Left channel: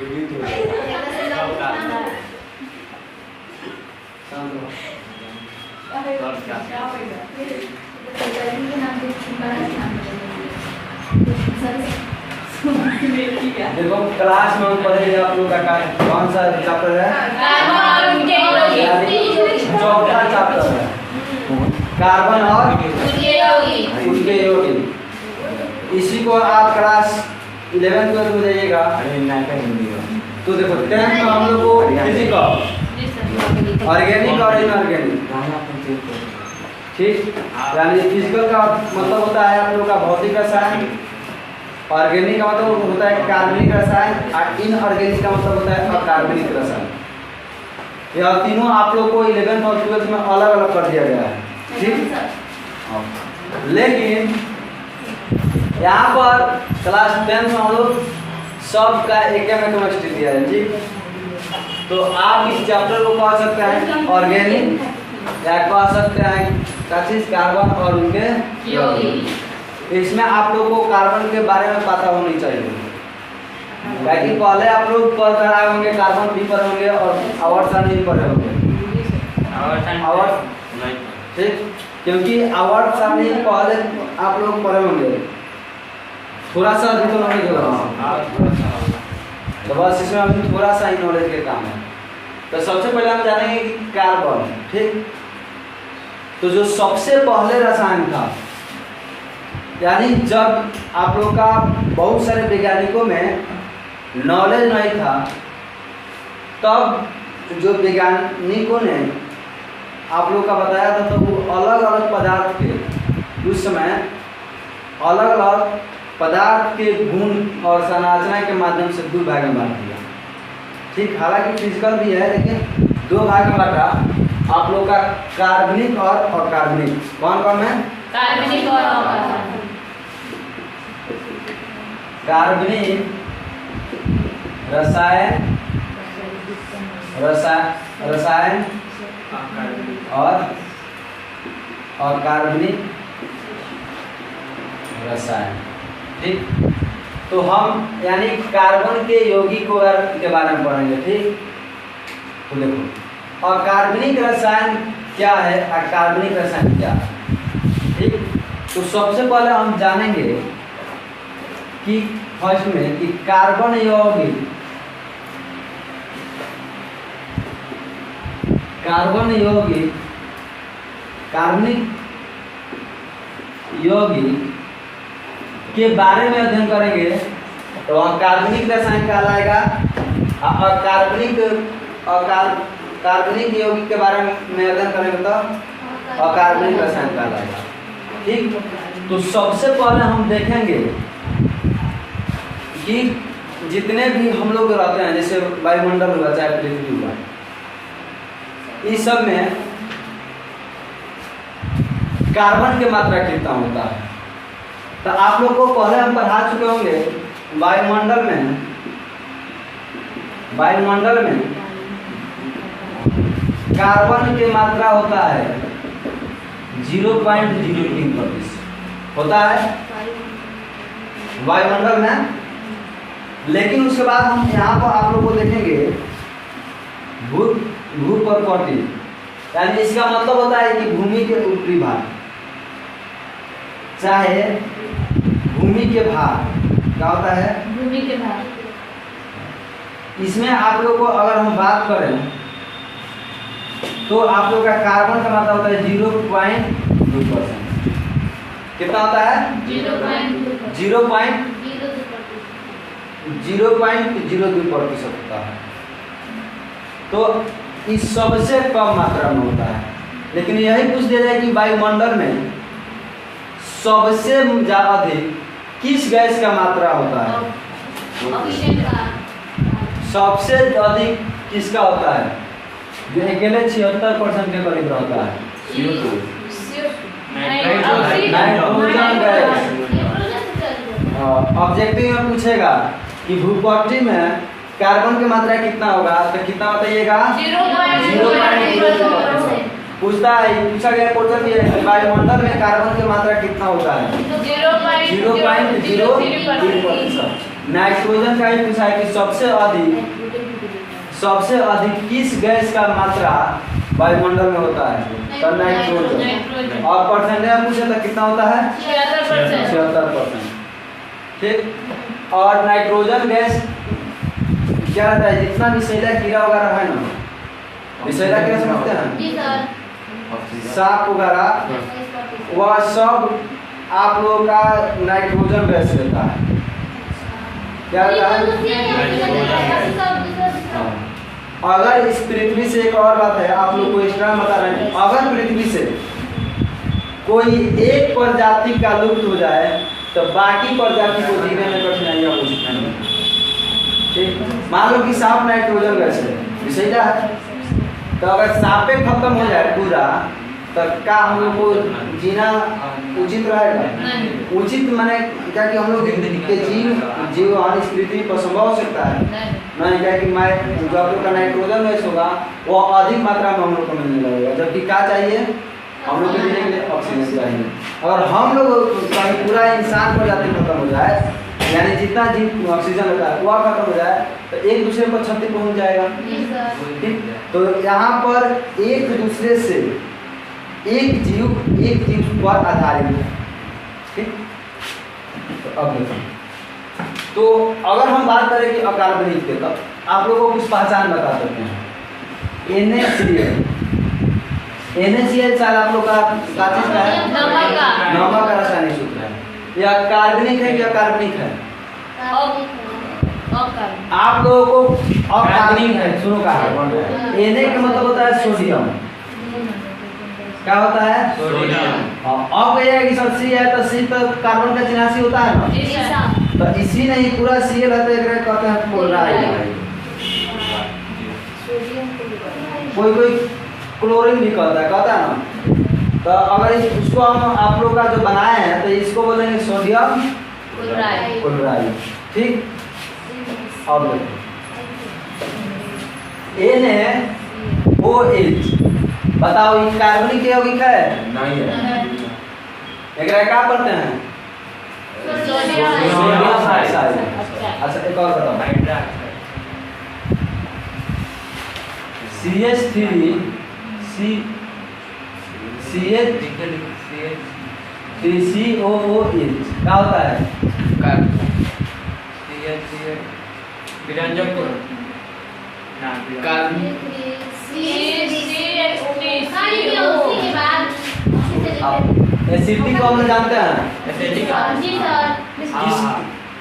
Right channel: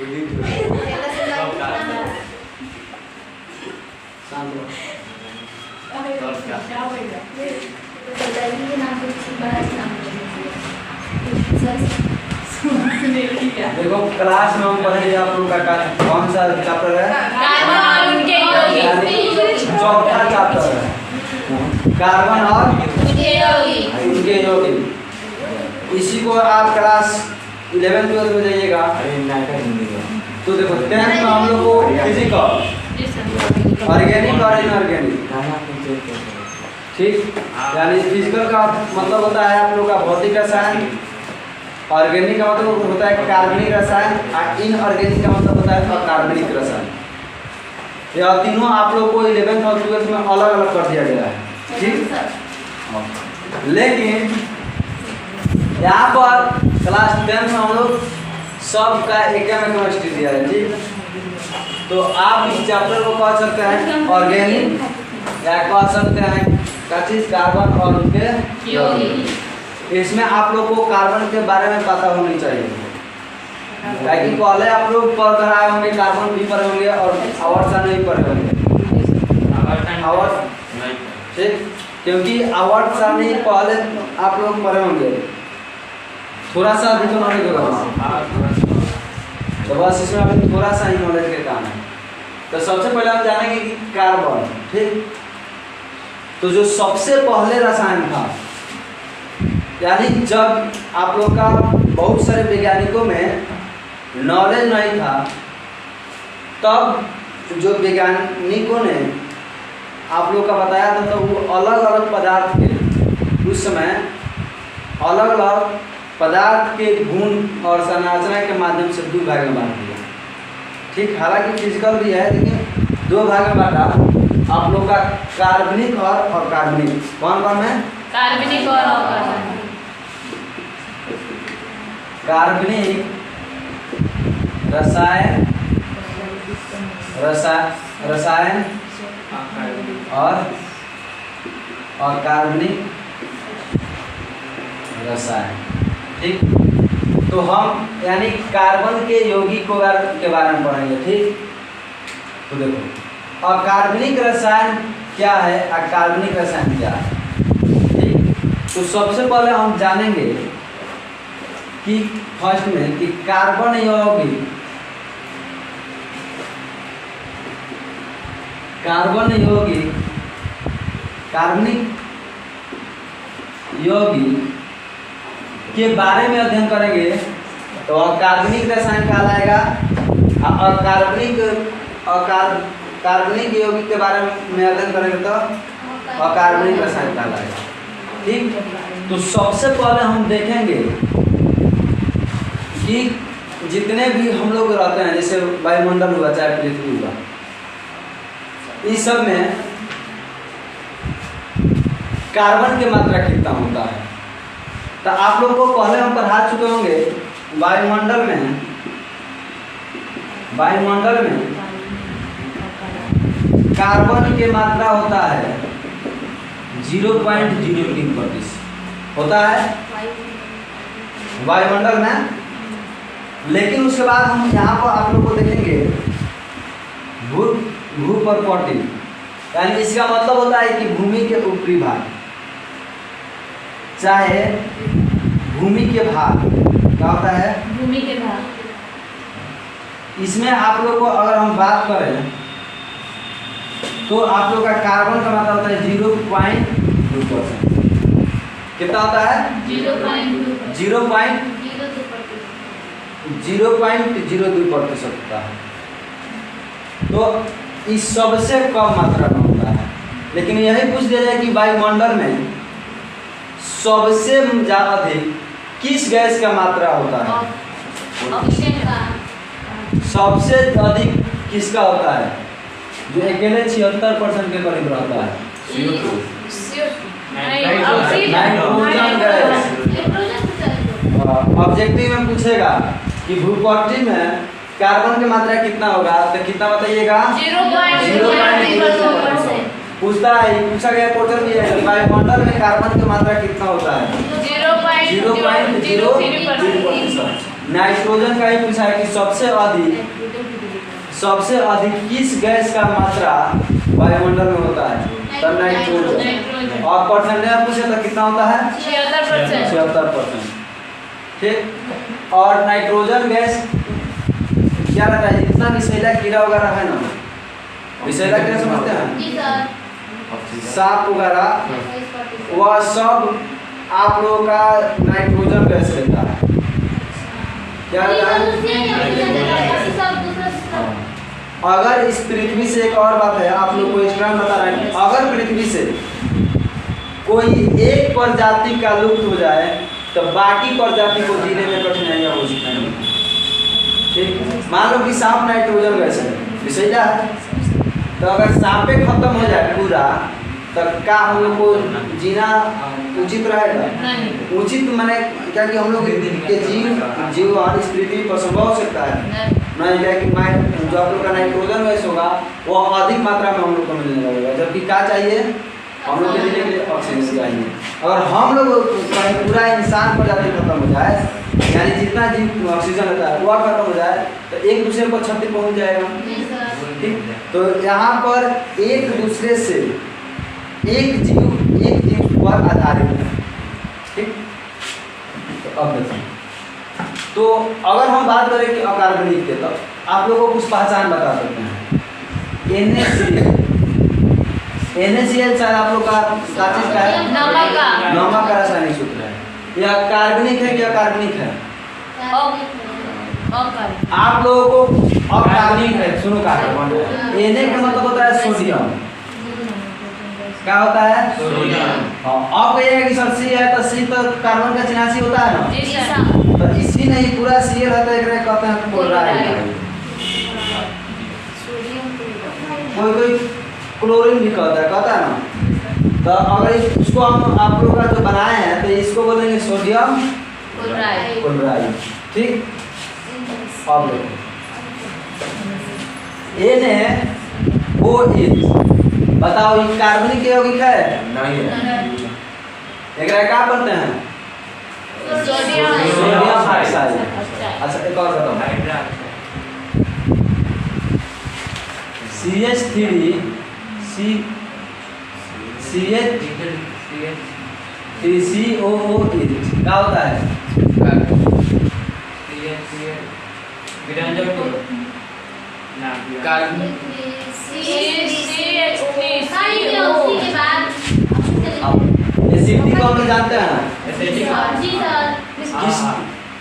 देखो क्लास में हम पढ़ेंगे आप लोग का कौन सा चैप्टर है? चौथा चैप्टर है कार्बन और उनके यौगिक। इसी को आप क्लास 11th-12th में जाइएगा। अरे नहीं का हिंदी का तो देखो 10th में हम लोग को फिजिकल, ऑर्गेनिक और इनऑर्गेनिक, ठीक। यानी फिजिकल का मतलब होता है आप लोग का भौतिक रसायन, ऑर्गेनिक का मतलब होता है कार्बनिक रसायन, और इनऑर्गेनिक का मतलब होता है अकार्बनिक रसायन। यह तीनों आप लोग को 11th और 12th में अलग अलग कर दिया गया है, ठीक। लेकिन यहाँ पर क्लास 10 में हम लोग सब का एक में केमिस्ट्री दिया है, ठीक। तो आप इस चैप्टर को पढ़ सकते हैं ऑर्गेनिक, या पढ़ सकते हैं कार्बन और उनके यौगिक। इसमें आप लोग को कार्बन के बारे में पता होनी चाहिए, ताकि पहले आप लोग पढ़ कर आए होंगे, कार्बन भी पढ़े होंगे और आवर्त नहीं पढ़े होंगे। ठीक, क्योंकि आवर्त सारणी पहले आप लोग पढ़े होंगे, थोड़ा सा अभी तो नॉलेज होगा, तो बस इसमें अभी थोड़ा सा ही नॉलेज के काम है। तो सबसे पहले हम जानेंगे कि कार्बन, ठीक। तो जो सबसे पहले रसायन था, यानी जब आप लोग का बहुत सारे वैज्ञानिकों में नॉलेज नहीं था, तब जो वैज्ञानिकों ने आप लोग का बताया था, तो वो अलग अलग पदार्थ के उस समय अलग अलग पदार्थ के गुण और संरचना के माध्यम से 2 भाग में बांट दिया, ठीक। हालांकि फिजिकल भी है, लेकिन 2 भाग में बांटा आप लोग का कार्बनिक और अकार्बनिक। कौन कौन है? कार्बनिक और अकार्बनिक। कार्बनिक रसायन और अकार्बनिक रसायन, ठीक। तो हम यानी कार्बन के यौगिक के बारे में पढ़ेंगे, ठीक। तो देखो अकार्बनिक रसायन क्या है, अकार्बनिक रसायन क्या है, ठीक। तो सबसे पहले हम जानेंगे कि फर्स्ट में कि कार्बन यौगिक कार्बनिक यौगिक के बारे में अध्ययन करेंगे, तो अकार्बनिक रसायन कहलाएगा। कार्बनिक यौगिक के बारे में अध्ययन करेंगे तो अकार्बनिक रसायन कहलाएगा, ठीक। तो सबसे पहले हम देखेंगे कि जितने भी हम लोग रहते हैं, जैसे वायुमंडल हुआ चाहे पृथ्वी हुआ, इस सब में कार्बन की मात्रा कितना होता है। तो आप लोग को पहले हम पढ़ा चुके होंगे, वायुमंडल में कार्बन की मात्रा होता है 0.03% होता है वायुमंडल में। लेकिन उसके बाद हम यहाँ पर आप लोग को देखेंगे भूपर्पटी, यानी इसका मतलब होता है कि भूमि के ऊपरी भाग, चाहे भूमि के भाग, क्या होता है? भूमि के भाग। इसमें आप लोग को अगर हम बात करें तो आप लोग का कार्बन का मात्रा होता है 0.2%। कितना होता है? 0.02% होता है। तो इस सबसे कम मात्रा में होता है। लेकिन यही पूछ दिया जाए कि वायुमंडल में सबसे ज्यादा अधिक किस गैस का मात्रा होता है? सबसे अधिक किसका होता है? जो अकेले 76% के करीब रहता है, नाइट्रोजन गैस। ऑब्जेक्टिव में पूछेगा कि भूपट्टी में कार्बन की मात्रा कितना होगा, तो कितना बताइएगा? 0.02%। पूछा गया क्वेश्चन भी है, वायुमंडल में कार्बन की मात्रा कितना होता है? 0.03%। नाइट्रोजन का ही पूछा है कि सबसे अधिक किस गैस का मात्रा वायुमंडल में होता है? तो नाइट्रोजन। और परसेंटेज में पूछे तो कितना होता है? 76%। ठीक। और नाइट्रोजन गैस क्या रहता है? जितना विषैला कीड़ा वगैरह है ना, विषैला कीड़ा समझते हैं, सांप वगैरह, वह सब आप लोगों का नाइट्रोजन गैस रहता है। क्या रहता है? अगर इस पृथ्वी से, एक और बात है आप लोग को एक्स्ट्रा बता रहे हैं, अगर पृथ्वी से कोई एक प्रजाति का लुप्त हो जाए तो बाकी प्रजाति को जीने में कठिनाइयाँ हो सकती हैं। ठीक। मान लो कि सांप नाइट्रोजन गैस है, विषैला है, तो अगर सांपे खत्म हो जाए पूरा तो क्या हम लोग को जीना उचित रहेगा? उचित माने क्या कि हम लोग के जीवन इस पृथ्वी पर संभव हो सकता है? नहीं। क्या कि मैं जो आप लोग का नाइट्रोजन गैस होगा वो अधिक मात्रा में हम लोग को मिलने लगेगा, जबकि क्या चाहिए हम लोग के लिए? ऑक्सीजन चाहिए। अगर हम लोग कहीं पूरा इंसान प्रजाति खत्म हो जाए, यानी जितना जीव ऑक्सीजन होता है वह खत्म हो जाए, तो एक दूसरे को क्षति पहुंच जाएगा। ठीक। तो यहाँ पर एक दूसरे से एक जीव पर आधारित है। ठीक। तो अब देखो, तो अगर हम बात करें कि अकार्बनिक के, तो आप लोगों को कुछ पहचान बता सकते हैं। NaCl शायद आप लोग का चीज का है, नमक का रासायनिक सूत्र है। यह कार्बनिक है कि अकार्बनिक है? आप लोगों को अकार्बनिक है। सुनो का है, Na का मतलब होता है सोडियम। क्या होता है? सोडियम। अब कहिएगा कि सर C है तो C तो कार्बन का चिन्ह C होता है ना, तो इसी नहीं पूरा Cl है तो एक कहते हैं क्लोराइड। कोई क्लोरीन भी कहता है ना। तो अगर इसको हम आप लोग का जो बनाए हैं तो इसको बोलेंगे सोडियम क्लोराइड। ठीक। अब देखो NaOH, बताओ ये कार्बनिक यौगिक है? नहीं है। एक क्या पढ़ते हैं? Sodium hydride. अच्छा एक और बताओ, CH3 COOH क्या होता है? एसिडिक को हम जानते हैं।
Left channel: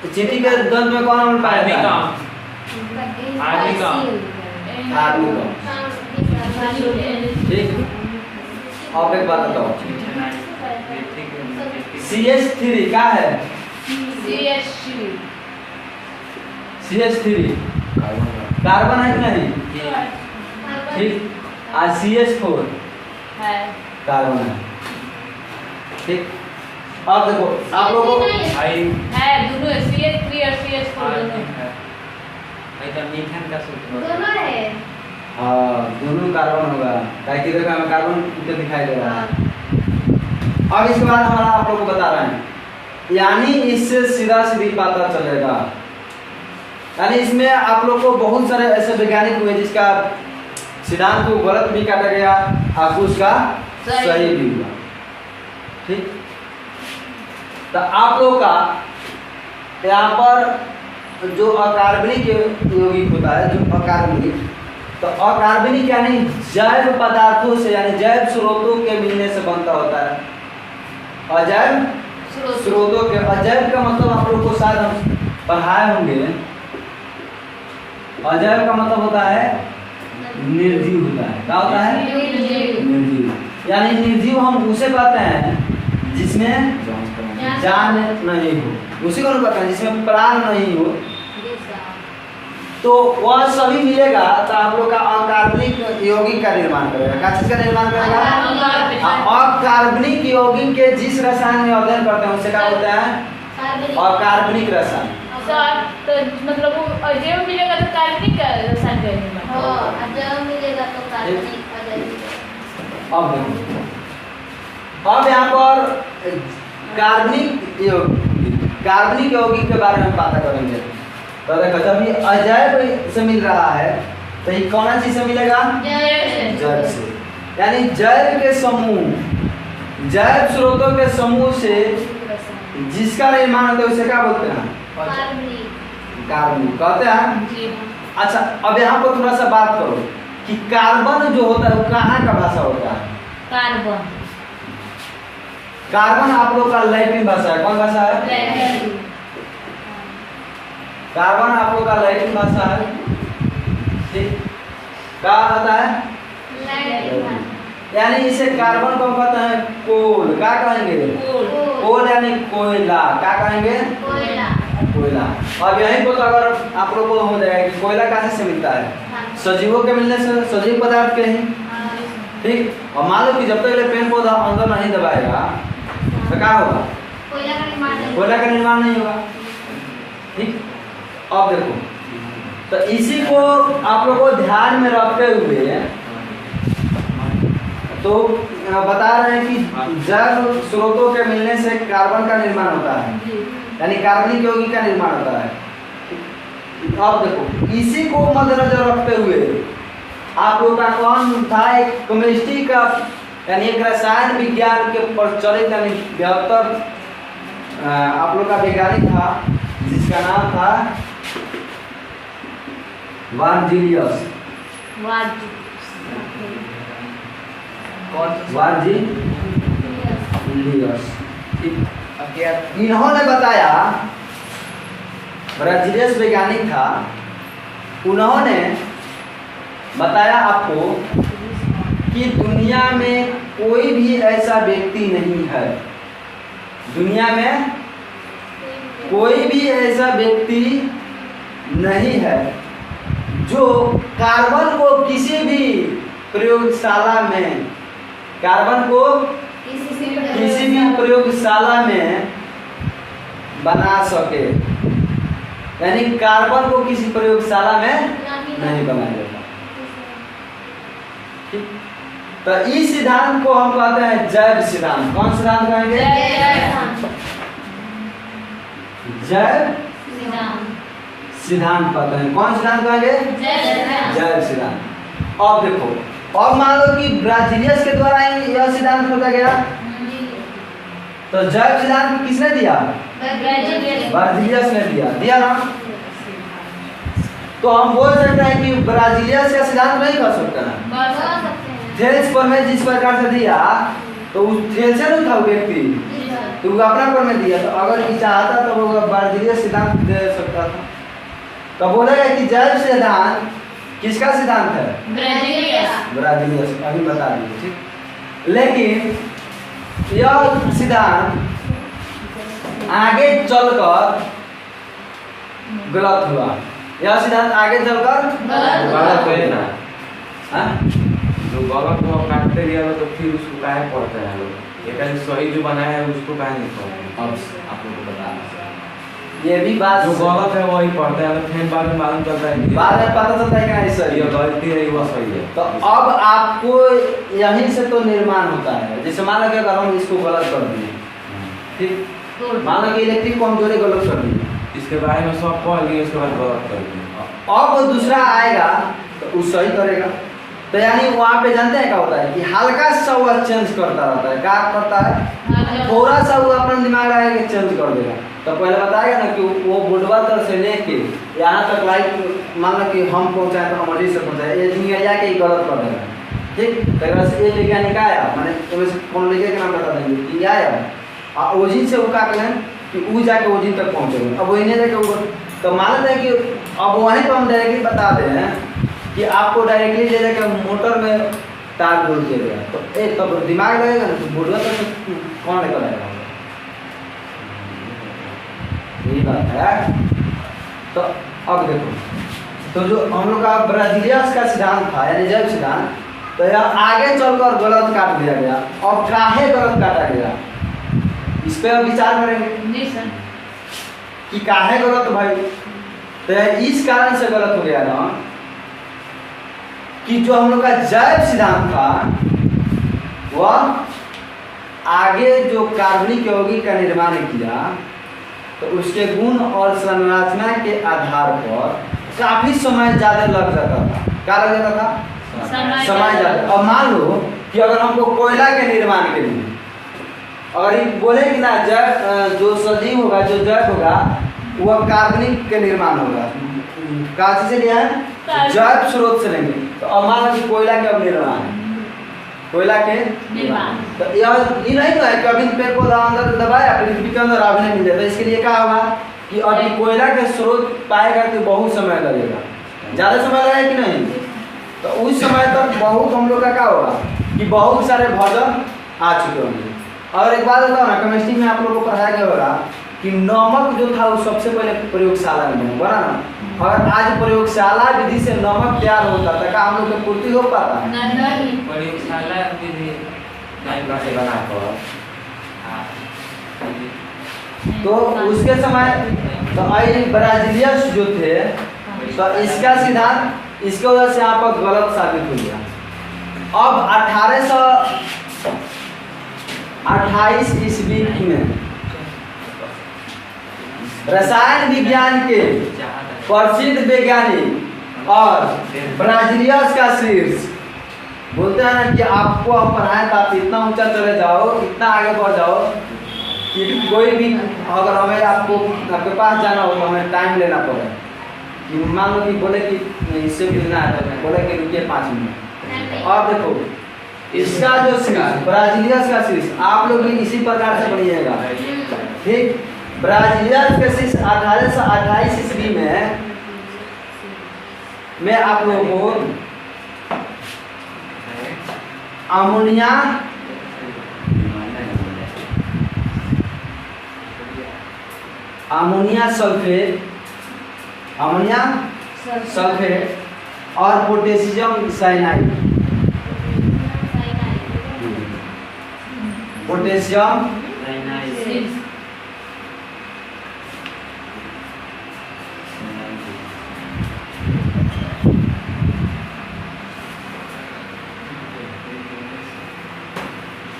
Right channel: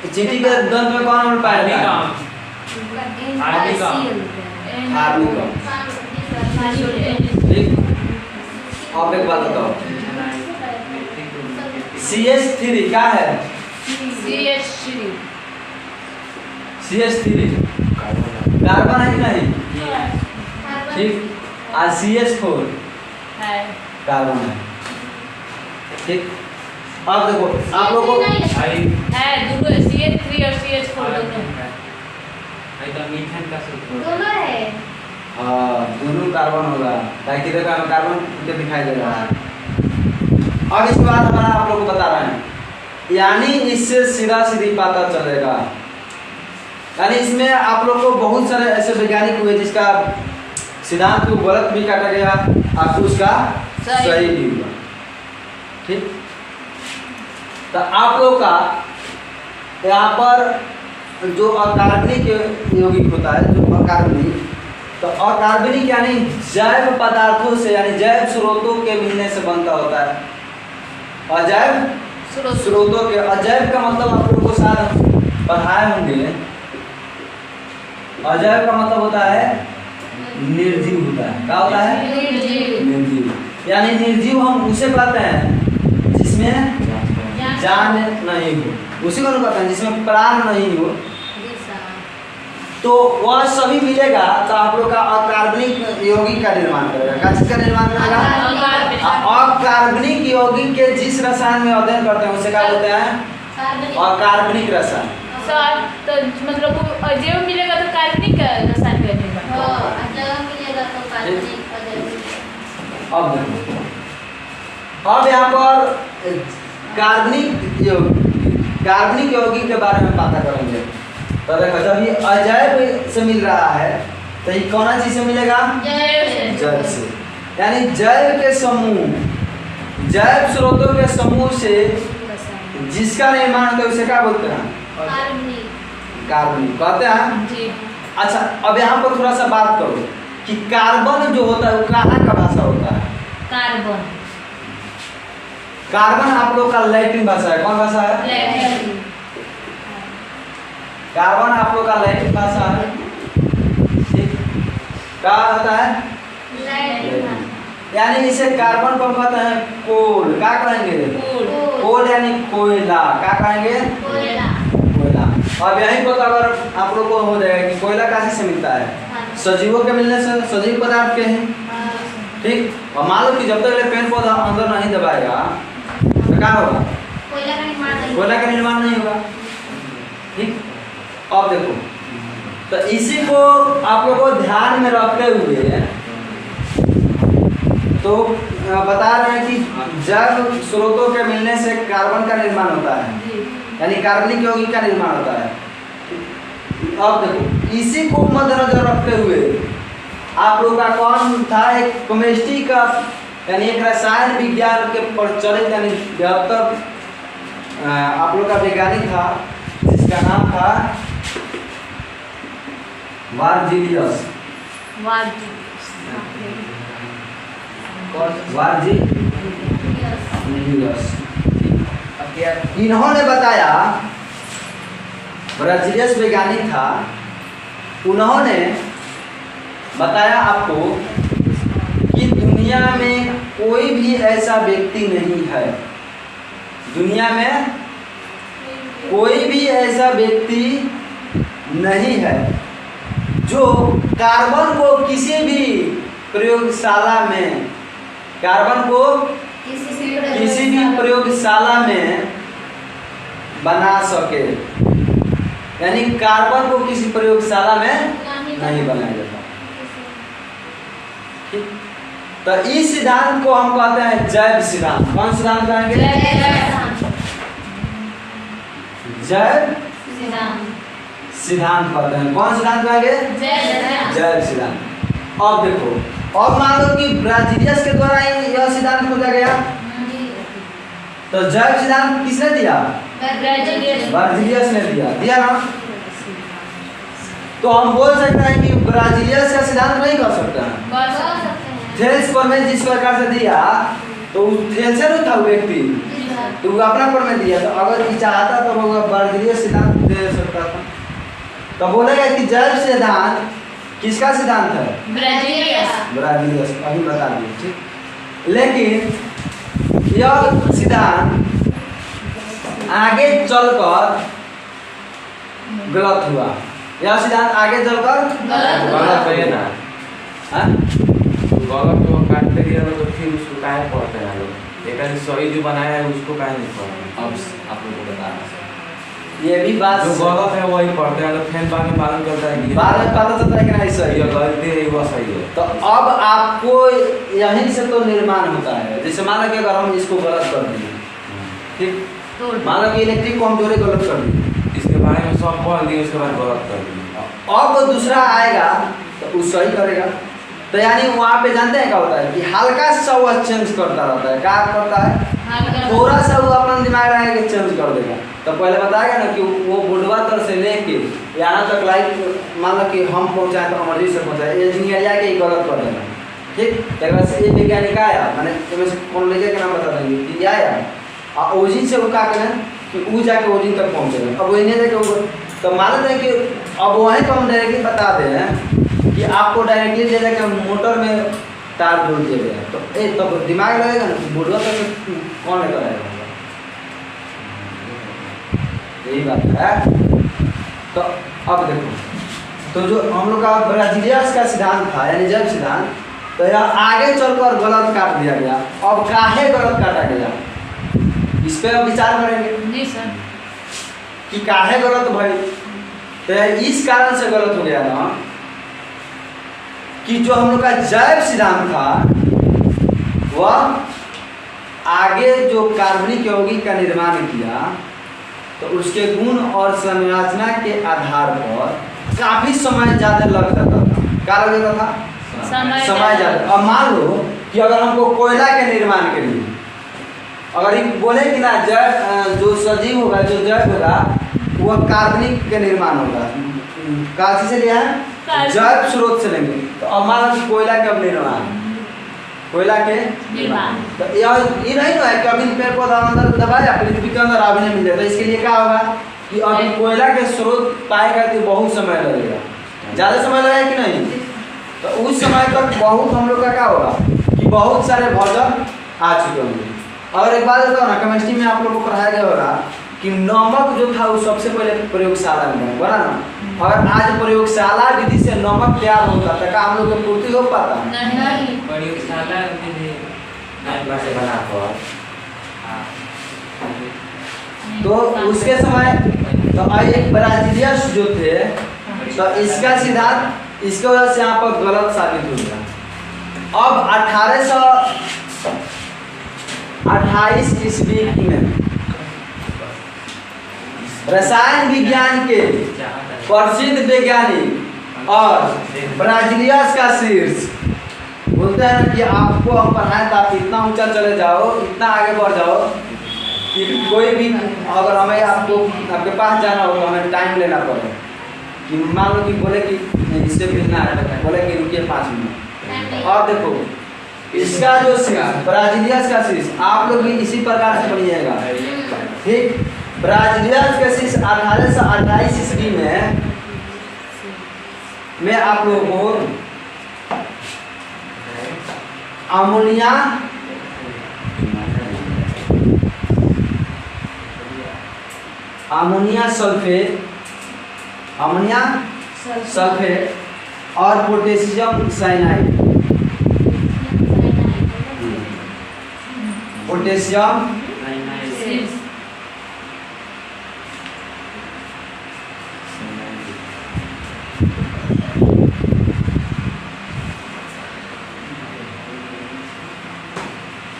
एसिडिक के द्वंद्व में कौन अम्ल पाया जाता है? आर्निकम। ठीक। अब एक बात बताओ, CH3 क्या है? CH3 कार्बन है कि नहीं? ठीक। और CH4 कार्बन है। ठीक। अब देखो आप लोगों को CH3 और CH4 दोनों है। हाँ दोनों कार्बन होगा, ताकि देखो हमें कार्बन के दिखाई दे रहा है। अब इसके बाद हमारा आप लोग को बता रहे हैं, यानी इससे सीधा सीधी पता चलेगा, यानी इसमें आप लोग को बहुत सारे ऐसे वैज्ञानिक हुए जिसका सिद्धांत को गलत भी काटा गया, आपको उसका सही भी हुआ। ठीक। तो आप लोग का यहाँ पर जो अकार्बनिक यौगिक होता है, जो अकार्बनिक, तो अकार्बनिक यानी जैव पदार्थों से, यानी जैव स्रोतों के मिलने से बनता होता है। अजैव स्रोतों के, अजैव का मतलब आप लोग को शायद हम पढ़ाए होंगे, अजैव का मतलब होता है निर्जीव होता है। क्या होता है? निर्जीव। यानी निर्जीव हम उसे कहते हैं जिसमें जान नहीं हो, उसी को कहते हैं जिसमें प्राण नहीं हो, तो वह सभी मिलेगा तो आप लोग का अकार्बनिक यौगिक का निर्माण करेगा। क्या चीज का निर्माण करेगा? अकार्बनिक यौगिक के जिस रसायन में अध्ययन करते हैं उसे क्या बोलते हैं? अकार्बनिक रसायन। मतलब अजैव मिलेगा तो कार्बनिक रसायन का निर्माण। अब देखो, अब यहाँ पर कार्बनिक यौगिक के बारे में बात करेंगे। तो देखो जब ये अजैव से मिल रहा है तो ये कौन चीज से मिलेगा? जैव से। यानी जैव के समूह, जैव स्रोतों के समूह से जिसका निर्माण होता है उसे क्या बोलते हैं? कार्बनिक कहते हैं जी। अच्छा अब यहाँ पर थोड़ा सा बात करो कि कार्बन जो होता है वो कहाँ का भाषा होता है? कार्बन। कार्बन आप लोग का लैटिन भाषा है। कौन भाषा है? लैटिन। कार्बन आप लोग का लैटिन भाषा है। ठीक, क्या होता है? यानी इसे कार्बन को हम कहते हैं कोल। क्या कहेंगे? कोल यानी कोयला। क्या कहेंगे? कोयला। अब यहीं पर तो अगर आप लोग को हो जाएगा कि कोयला कहाँ से मिलता है? सजीवों के मिलने से, सजीव पदार्थ के ही। ठीक, और मान लो कि जब तक पेड़ पौधा अंदर नहीं दबाएगा तो क्या होगा? कोयला का निर्माण नहीं होगा। ठीक, अब देखो तो इसी को आप लोगों को ध्यान में रखते हुए तो बता रहे हैं कि जैव स्रोतों के मिलने से कार्बन का निर्माण होता है, यानी कार्बनिक यौगिक का निर्माण होता है। अब देखो इसी को मद्देनजर रखते हुए आप लोग का कौन था? एक केमिस्ट्री का यानी एक रसायन विज्ञान के प्रचलित यानी 72 आप लोग का वैज्ञानिक था जिसका नाम था वार्जिलियस। इन्होंने बताया, ब्राजीलियस वैज्ञानिक था, उन्होंने बताया आपको कि दुनिया में कोई भी ऐसा व्यक्ति नहीं है, दुनिया में कोई भी ऐसा व्यक्ति नहीं है जो कार्बन को किसी भी प्रयोगशाला में, कार्बन को किसी भी प्रयोगशाला में बना सके, यानी कार्बन को किसी प्रयोगशाला में नहीं बनाया जाता। ठीक, तो इस सिद्धांत को हम कहते हैं जैव सिद्धांत। कौन सिद्धांत कहेंगे? जैव सिद्धांत कहते हैं। कौन सिद्धांत कहेंगे? जैव सिद्धांत। अब देखो, अब मान लो कि ब्राजीलियस के द्वारा ही यह सिद्धांत खोजा गया, तो जैव सिद्धांत किसने दिया? ब्राजीलियस ने दिया ना। तो हम बोल सकते हैं कि ब्राजीलियस का सिद्धांत नहीं कर सकते हैं। थेल्स पर में जिस प्रकार से दिया तो उस थेल्स से नहीं था व्यक्ति, तो वो अपना पर में दिया, तो अगर ये चाहता तो वो ब्राजीलियस सिद्धांत दे सकता था। तो बोलेगा कि जैव सिद्धांत किसका सिद्धांत है? ब्राजीलियस। अभी बता दिए। ठीक, लेकिन यह सिद्धांत आगे चलकर गलत हुआ। यह सिद्धांत आगे चलकर गलत हुआ। तो गलत को काटते गया तो फिर उसको काहे पढ़ते हैं लोग? एक सही जो बनाया है उसको काहे नहीं पढ़ते? अब आप लोगों को बताना ये भी बात जो गलत है वही पढ़ते हैं, तो फिर बाद में मालूम चलता है कि बाद में पता चलता है कि नहीं सही ये है, गलती है वह सही है। तो अब आपको यहीं से तो निर्माण होता है। जैसे मान लो कि अगर हम इसको गलत कर दिए, ठीक, मान लो कि इलेक्ट्रिक को हम जोड़े गलत कर दिए, इसके बारे में सब पढ़ लिए, उसके बाद गलत कर दिए। अब वो दूसरा आएगा तो वो सही करेगा। तो यानी वहाँ पे जानते हैं क्या होता है कि हल्का सा वह चेंज करता रहता है। क्या करता है? थोड़ा सा वो अपना दिमाग लगा के चेंज कर देगा। तो पहले बताएगा ना कि वो बुढ़वा तर से लेके यहाँ तक लाइट मान लो कि हम पहुँचाएं तो हमारे से पहुँचाए, इंजीनियर जाके ही गलत कर देगा। ठीक, तो से एक वैज्ञानिक आया, मैंने तुम्हें से कौन लेके के नाम बता देंगे कि आया और ओजिन से वो क्या करें कि वो जाके ओजिन तक पहुँचेगा। अब वही नहीं जाके वो, तो मान लें कि अब वहीं पर हम डायरेक्टली बता दें हैं कि आपको डायरेक्टली ले जाके मोटर में तार जोड़ दिया गया, तो तब तो दिमाग लगेगा ना, तो बुढ़वा तक कौन लेकर आएगा? यही बात है। तो अब देखो, तो जो हम लोग का ब्राजीलियस का सिद्धांत था यानी जैव सिद्धांत, तो यह आगे चलकर गलत काट दिया गया। अब काहे गलत काटा गया इस पे हम विचार करेंगे कि काहे गलत भाई। तो इस कारण से गलत हो गया ना कि जो हम लोग का जैव सिद्धांत था वह आगे जो कार्बनिक यौगिक का निर्माण किया तो उसके गुण और संरचना के आधार पर काफी समय ज्यादा लग जाता था। क्या लग जाता था? समय ज्यादा। अब मान लो कि अगर हमको कोयला के निर्माण के लिए अगर ये बोले कि ना जैव जो सजीव होगा जो जैव होगा वह कार्बनिक के निर्माण होगा। कहाँ से लिया है? जैव स्रोत से लेंगे। तो अब मान लो कि कोयला के अब निर्माण कोयला के तो ये नहीं तो है कि अभी पेड़ पौधा अंदर दबाया पृथ्वी के अंदर अभी नहीं मिल जाता। इसके लिए क्या होगा कि अभी कोयला के स्रोत पाएगा तो बहुत समय लगेगा। ज़्यादा समय लगेगा कि नहीं? तो उस समय तक बहुत हम लोग का क्या होगा कि बहुत सारे भोजन आ चुके होंगे। और एक बात बताओ ना, केमिस्ट्री में आप लोग को पढ़ाया गया होगा कि नमक जो था वो सबसे पहले प्रयोगशाला में बना ना। और आज प्रयोगशाला विधि से नमक तैयार होता था, क्या हम लोग की पूर्ति हो पाता? प्रयोगशाला विधि से बना कर तो उसके समय तो आइए ब्राजीलियस जो थे तो इसका सिद्धांत इसके वजह से यहाँ पर गलत साबित हो गया। अब 1828 ईस्वी में रसायन विज्ञान के प्रसिद्ध वैज्ञानिक और ब्राजीलियस का शीर्ष बोलते हैं ना कि आपको हम पढ़ाएं तो आप इतना ऊंचा चले जाओ, इतना आगे बढ़ जाओ कि कोई भी अगर हमें आपके पास जाना हो तो हमें टाइम लेना पड़े। कि मान लो कि बोले कि इससे मिलना है तो बोले कि रुकिए 5 मिनट। और देखो इसका जो शीर्ष ब्राजीलियस का शीर्ष आप लोग भी इसी प्रकार से बनिएगा, ठीक। ब्राजीलियस के शीर्ष 1828 ईस्वी में मैं आप लोगों को अमोनिया सल्फेट और पोटेशियम साइनाइड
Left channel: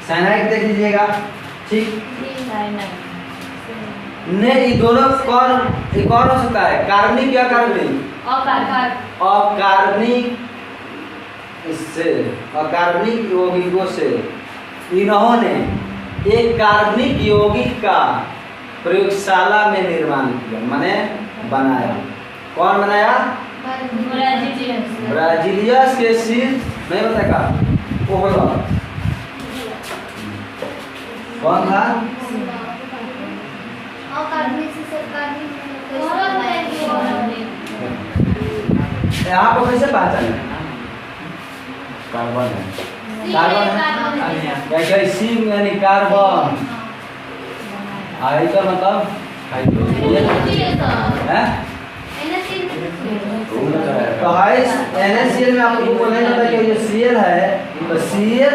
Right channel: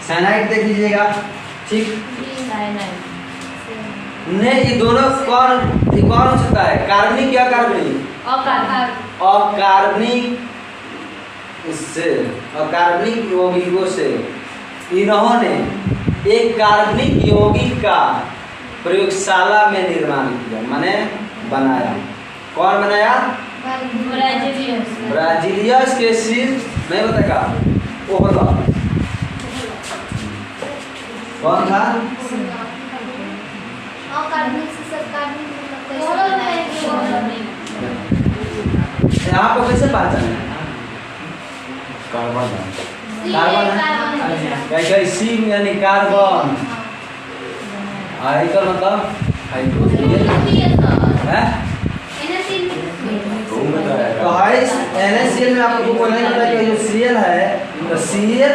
साइनाइड देख लीजिएगा, ठीक। नहीं ये दोनों कौन हो सकता है? कार्बनिक या कार्बनिक? अकार्बनिक से अकार्बनिक यौगिकों से इन्होंने एक कार्बनिक यौगिक का प्रयोगशाला में निर्माण किया, माने बनाया। कौन बनाया? ब्राजीलियस के शीर्ष नहीं बताएगा ओहला कौन था? यहाँ पर कैसे पहचाने? कार्बन है क्या? सी यानी कार्बन, तो मतलब तो NaCl में आप लोगों को नहीं पता कि जो Cl है तो Cl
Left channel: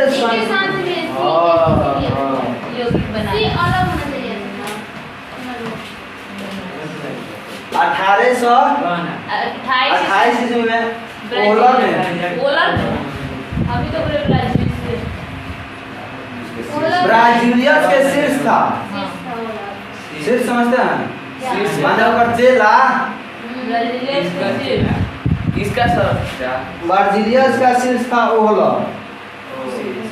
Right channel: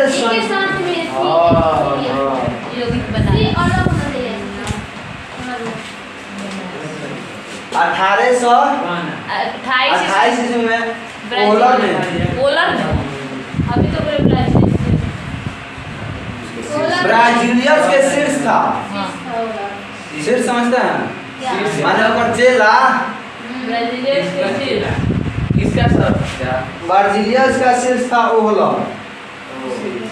1828 ईस्वी में पोलर में अभी तो ब्राजीलियस के शीर्ष था। शीर्ष समझते हैं? माने ऊपर चेला किसका सर? ब्राजीलियस का शीर्ष था ओहलर।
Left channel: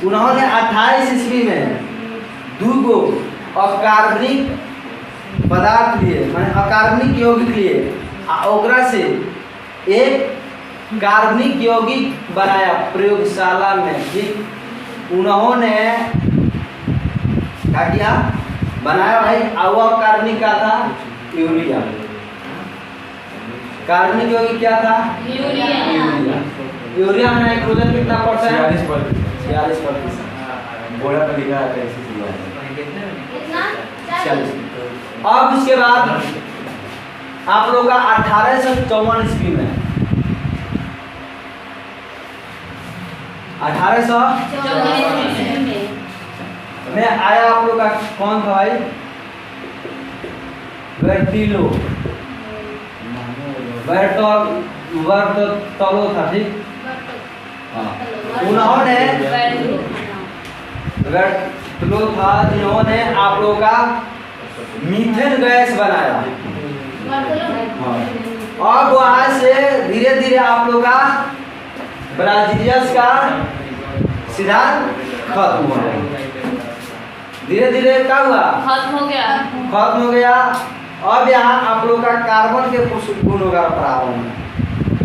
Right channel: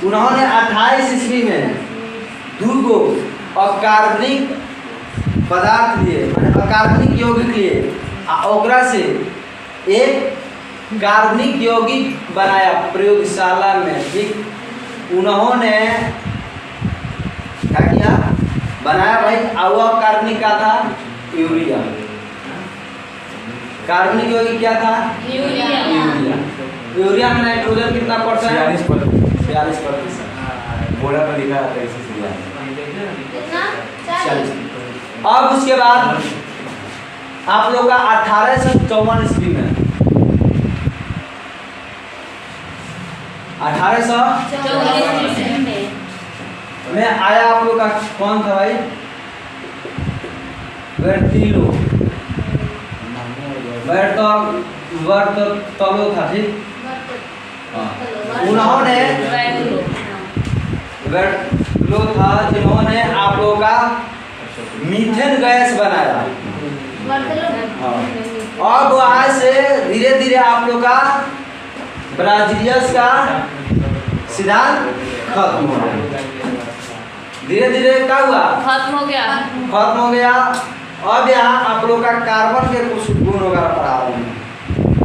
उन्होंने 28 ईस्वी में 2 अकार्बनिक पदार्थ लिए, माने अकार्बनिक यौगिक लिए, ओकरा से एक कार्बनिक यौगिक बनाया प्रयोगशाला में, ठीक। उन्होंने क्या किया? बनाया भाई। वह कार्बनिक का था यूरिया। कार्बनिक यौगिक क्या था? यूरिया में नाइट्रोजन कितना परसेंट? 46%। बोरा पर लिखा है कैसे सिला है 46। अब उसके बाद आप लोग का 1854 ईस्वी में 1854 में आया आप लोग का कौन था भाई? बर्तोलो था, ठीक। उन्होंने बर्तोलो था जिन्होंने आप लोगों का मीथेन गैस बनाया। हाँ। अब वहाँ से धीरे धीरे आप लोग का ब्राजीलियस का सिद्धांत खत्म हो गया। धीरे धीरे क्या हुआ? खत्म हो गया। खत्म हो गया। अब यहाँ आप लोग का कार्बन के कुछ गुण वगैरह पढ़ा रहे हैं।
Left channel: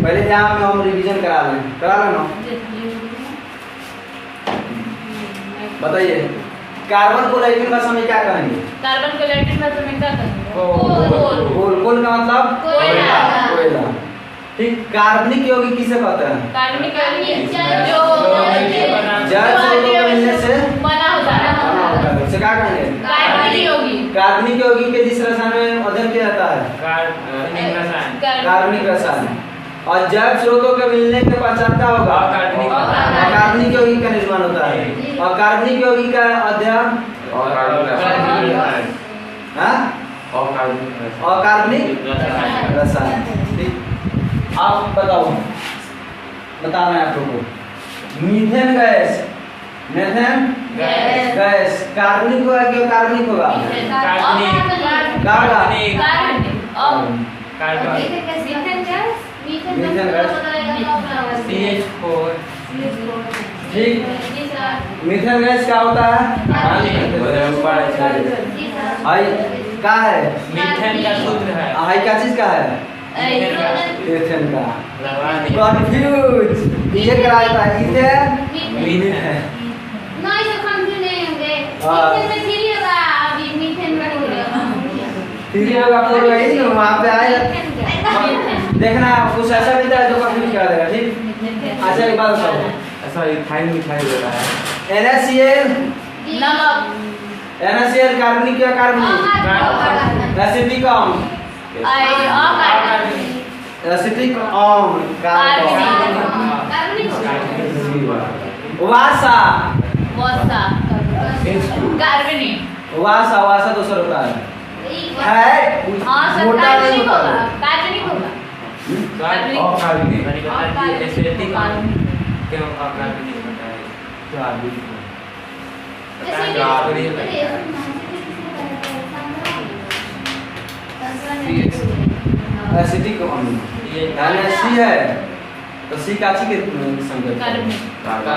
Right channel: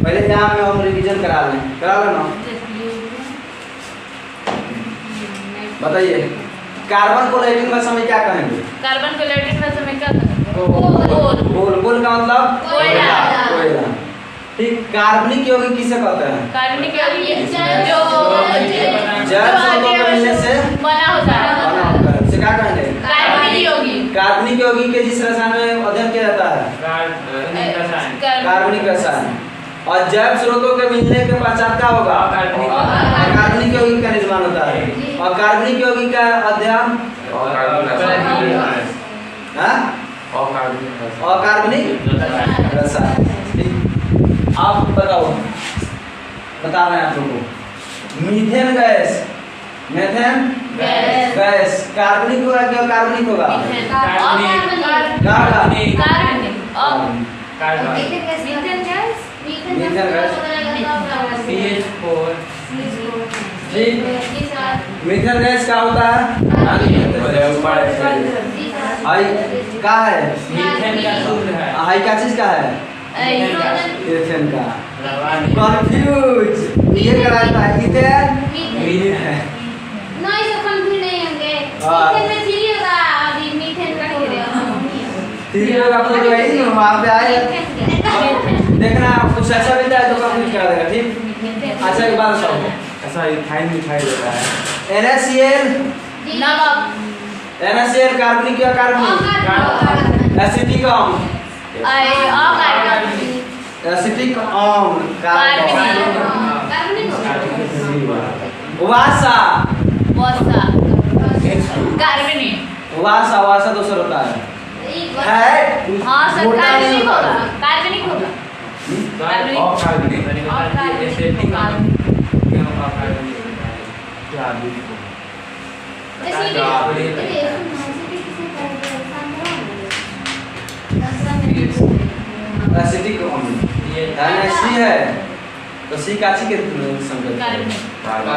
पहले यहाँ में हम रिवीजन करा लेना। बताइए कार्बन को लैटिन भाषा में क्या कहेंगे? कार्बन को लैटिन भाषा में क्या कहेंगे? कोल का मतलब कोयला। ठीक। कार्बनिक यौगिक किसे कहते हैं? कार्बनिक यौगिक जल स्रोतों के मिलने से बना होता है। उसे क्या कहेंगे? कार्बनिक यौगिक। कार्बनिक यौगिक के जिस रसायन में अध्ययन किया जाता है कार्बनिक रसायन। और जैव स्रोतों के मिलने के पश्चात क्या होगा? कार्बनिक यौगिक का निर्माण होता है। और कार्बनिक यौगिक का अध्ययन अकार्बनिक रसायन। ठीक। आप बताओ, बता रहे हैं आप लोगों को मीथेन गैस, मीथेन गैस कार्बनिक होगा क्या कार्बनिक होगा? Methane gas. ठीक। मीथेन गैस क्या होता है? हाई क्या है? मीथेन का सूत्र है। हाई क्या चीज का है? एथेन का। कंफ्यूज ये कराता है इथेन मीथेन। ठीक है आप लोग वही वहाँ पे आए देखना कुछ ऐसा भी था जो कंफ्यूज कर देगा। ठीक। अच्छा एक बात बताओ, ऐसा इथाइल मिथाइल होता है। NaCl नमक। NaCl कार्बनिक या कार्बनिक? एसिटिक अम्ल। एसिटिक अम्ल कार्बन। वासा वासा वासा दूसरा होता है मोटा नहीं होता है। कार्बनिक होगा। अकार्बनिक एसिटिक क्यों अकार्बनिक होता है? क्या एसिटिक अम्ल NaC है तो C काची के संकेत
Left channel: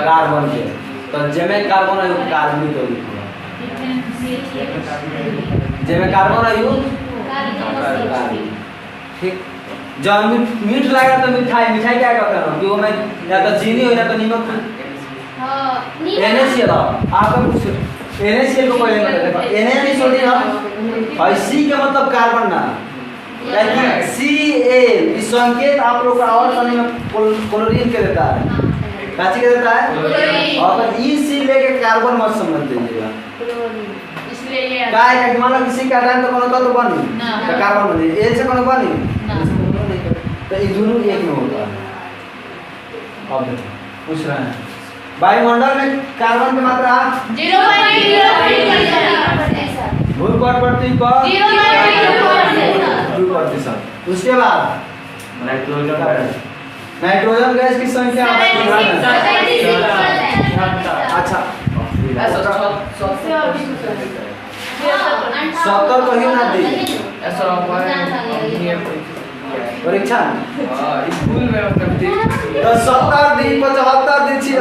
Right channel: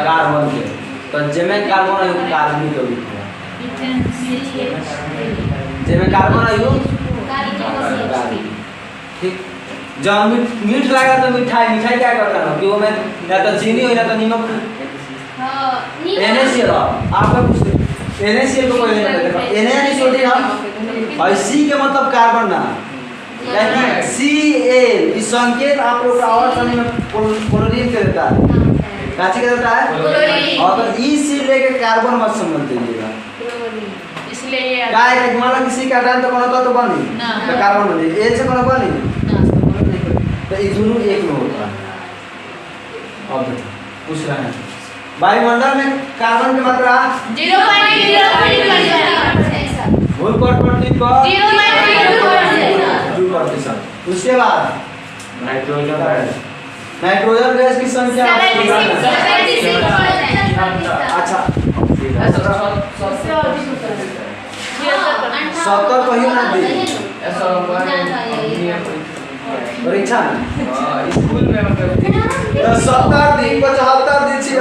कार्बन के तो जेमे कार्बन है कार्बनिक यौगिक होगा। जेमे कार्बन है कार्बनिक। ठीक। जब मीठ लगा तो मिठाई मिठाई क्या कहते हैं कि वो में या तो चीनी हो या तो नमक। NaCl आपका कुछ NaCl को कोई नहीं बताएगा। Na और C के मतलब कार्बन ना लेकिन Cl इस संकेत आप लोग का और सनी में क्लोरीन के देता है। काची के देता है? और अगर EC लेके कार्बन मत समझ दीजिएगा। इसलिए ये का है कि मान लो किसी का डाल तो कौन होता तो बनी तो कार्बन बने A से कौन बनी तो ये दोनों एक में होता है। अब देखो पूछ रहे हैं वायुमंडल में कार्बन की मात्रा 0.0%। भूल पृथ्वी पर 2%। उसके बाद नाइट्रोजन गैस की संख्या अच्छा 70 कहियो ना दी परीक्षा स्कूल में मतलब 70 दी 75 दी 76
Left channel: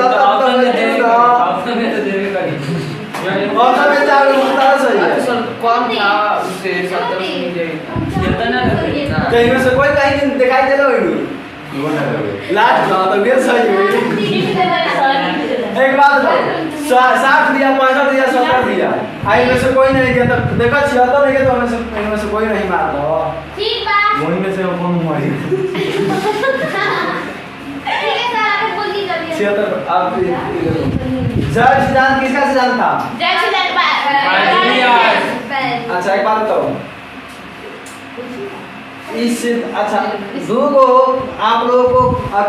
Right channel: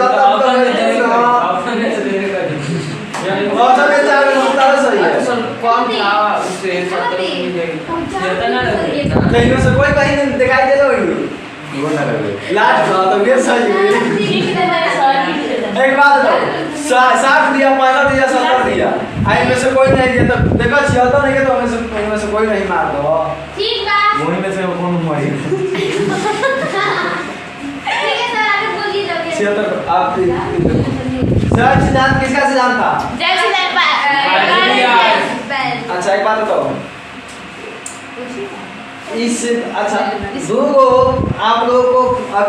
और में चार होता है सही है। कौन था उससे 70 कहीं में से कोई कहीं नहीं दिखाई दे रहा है लास्ट का तो ढेर सही है। एक बात बताओ 60 दिया 65 दिया 70 दिया आई में से कोई नहीं दिया तो देखो 76 नहीं तो में से कोई नहीं मार दो ठीक बात वही में से कौन मारी ठीक है सर आगे बोल दीजिए 76 आप सर सिद्धांत किसका सिद्धांत था? अच्छा एक बात बताओ इस अच्छा दो आप लोगों को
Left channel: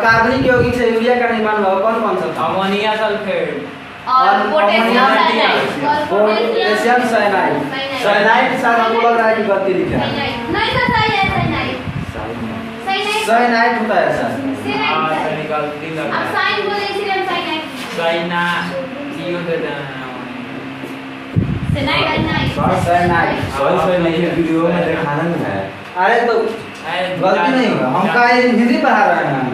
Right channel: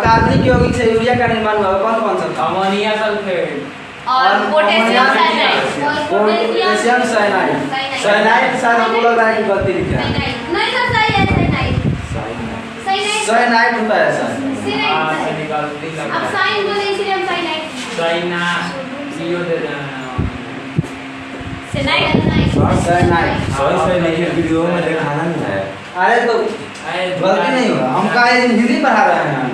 कार्बनिक यौगिक से यूरिया का निर्माण हुआ कौन कौन सा था? अमोनिया सल्फेट और पोटेशियम साइनाइड साइनाइड शायद हमको लग रहा है कि गलती लिखा है नहीं सर सही है साइनाइड साइनाइड होता है शायद हां निकालती अब लगा साइन बोले इसलिए हम साइनाइड साइना सीओ दे देना Cyanide. साइनाइड। सही लिखे वीडियो में दिखाना नहीं है। अरे तो गलती नहीं होगा, हम का हिंदी पढ़ा रहे हैं हम।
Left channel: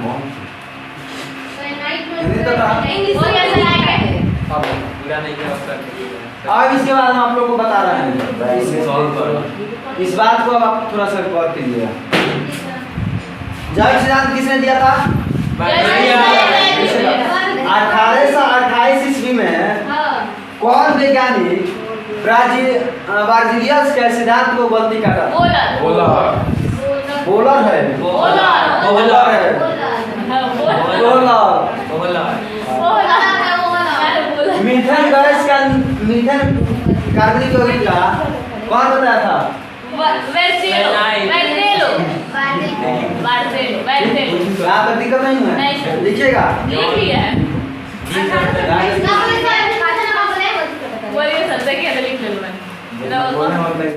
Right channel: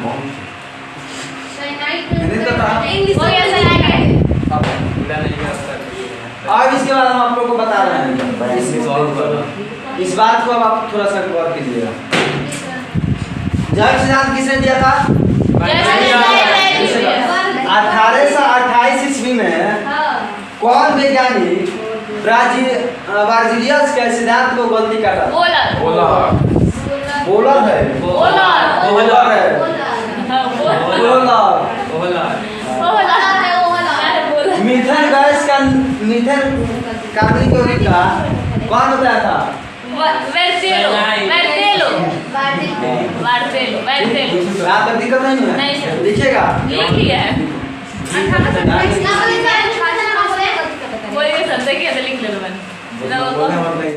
हिंदी तो पढ़ा। इंग्लिश हो गया cyanide। अब पूरा नहीं है उसका। अब इसके बाद हम आप लोग को बता रहे हैं सॉल्व करना। इस बात को अब आप थोड़ा सा गौर कीजिएगा। जैव सिद्धांत किसने दिया था? 1828 ईस्वी में कौन वैज्ञानिक ब्राजीलियस के सिद्धांत को गलती काटा? बोला बोलर है, बोलर है, बोलर। मीथेन गैस का मीथेन कार्बनिक यौगिक का कौन बताया था? यहाँ तक दिक्कत नहीं है, नहीं सर। लिखिएगा। लिख लिया है। बोलिए बोलिए सर, देखिए तो लिख लो मैंने। बोलने मत नहीं।